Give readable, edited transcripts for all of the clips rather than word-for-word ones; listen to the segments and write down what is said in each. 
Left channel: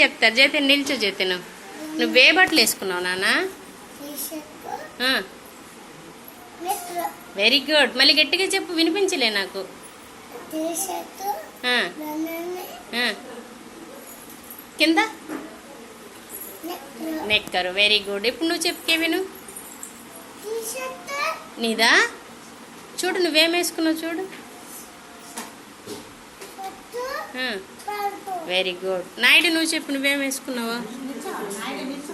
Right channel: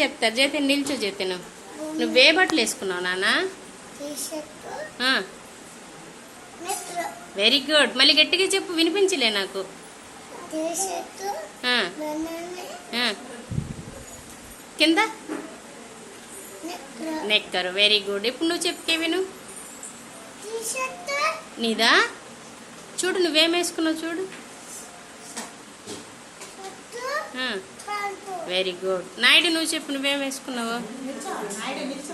చెప్తారు. జతిన్ నిల్చో. జతిన్ నువ్వే బట్టలు వేసుకున్నావు నాన్న? Very good. మళ్ళీ గట్టిగా చెప్పు, వినిపించలే నాకు. కింద నెక్కరు. Very good. ఇప్పుడు నువ్వు చెప్పుకే విను. నీదా? చూడు నువ్వేం వేసుకున్నావు చూడు. Very good. నాయుడు నువ్వు చెప్పు, నువ్వేం వేసుకున్నావు?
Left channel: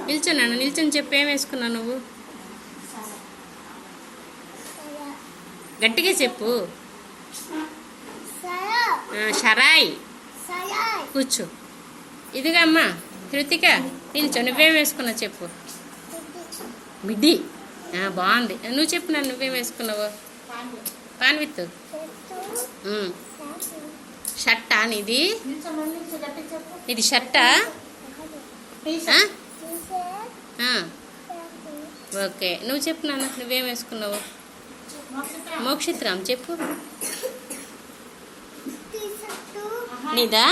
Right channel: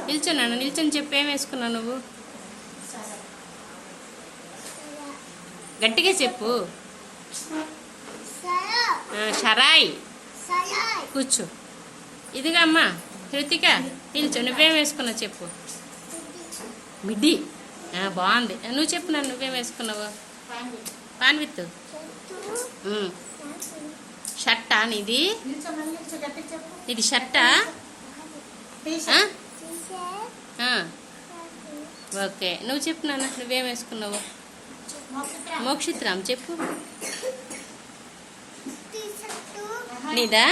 నిల్చోనా? నిల్చొని చెప్పు, ఏం వేసుకున్నావు నువ్వు? గట్టిగా చెప్పు. షరాయ్. కూర్చో. ఇదిగా అమ్మా హృతిక నిల్చో, నువ్వేం వేసుకున్నావు చెప్పు. మిడ్డీ. బాగుంది. నువ్వు చెప్పు నన్ను, నువ్వేం వేసుకున్నావు? పాన్ విత్ షర్టా నీది? ఇది షర్టా? ఓకే. నువ్వు చెప్పు నాన్న, నువ్వేం వేసుకున్నావు? మోక్షిత్రామ్ చెప్పు. నీదా?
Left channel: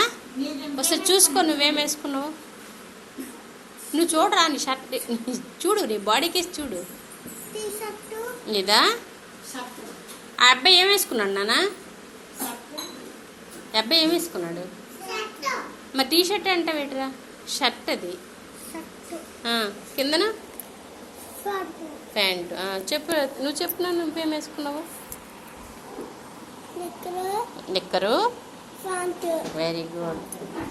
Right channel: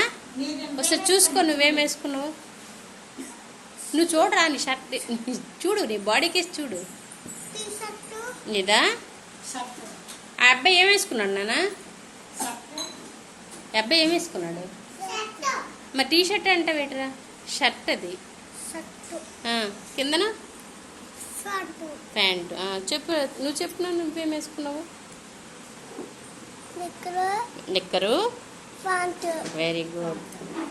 ఒకసారి చూసుకో, నువ్వేం వేసుకున్నావు. నువ్వు చూడరా నీ షర్ట్ చూడు, నీ బాడీకి చూడు. నీదా? ఆ అబ్బాయి ఏం వేసుకున్నాడు నాన్న? అబ్బాయి ఏం వేసుకున్నాడు? మరి టీ షర్ట్ అంటే వేటరా? షర్ట్ అది. కిందన ప్యాంట్. చెప్పు, నువ్వు చెప్పు, నువ్వేం వేసుకున్నావు? నిక్కరు. Very good.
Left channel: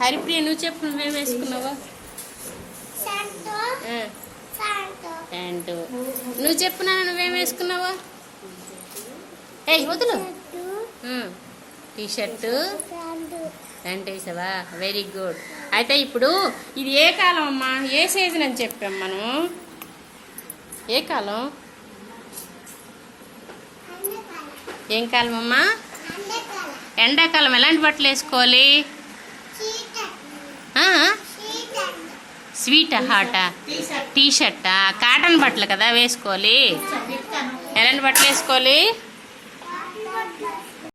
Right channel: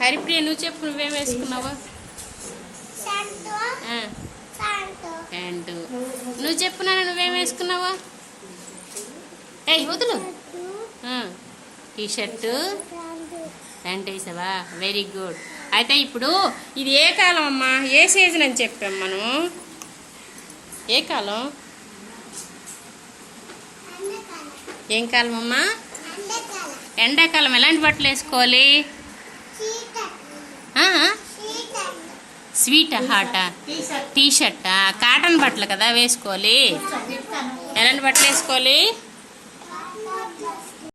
హరిప్రియ నువ్వు చెప్పు, నువ్వేం వేసుకున్నావు? ప్యాంటు. నువ్వు చెప్పు నాన్న, నువ్వేం వేసుకున్నావు? ఏయ్ వదులు. టీ షర్టు ప్యాంట్ వేసావా? Very good. అయితే ఇప్పుడు ఇది ఏ కాలం అమ్మా? ఏ సీజన్ అని చెప్పాం మనం? ఏ కాలం? ఏం కాలం అమ్మా? ఎండాకాలం. ఎలాంటి బట్టలు వేసుకోవాలి? స్వీట్ హాటా? టీ షర్టా? కాటన్ బట్టలు కదా వేసుకోవాలి. ఎలాంటి బట్టలు వేసుకోవాలి?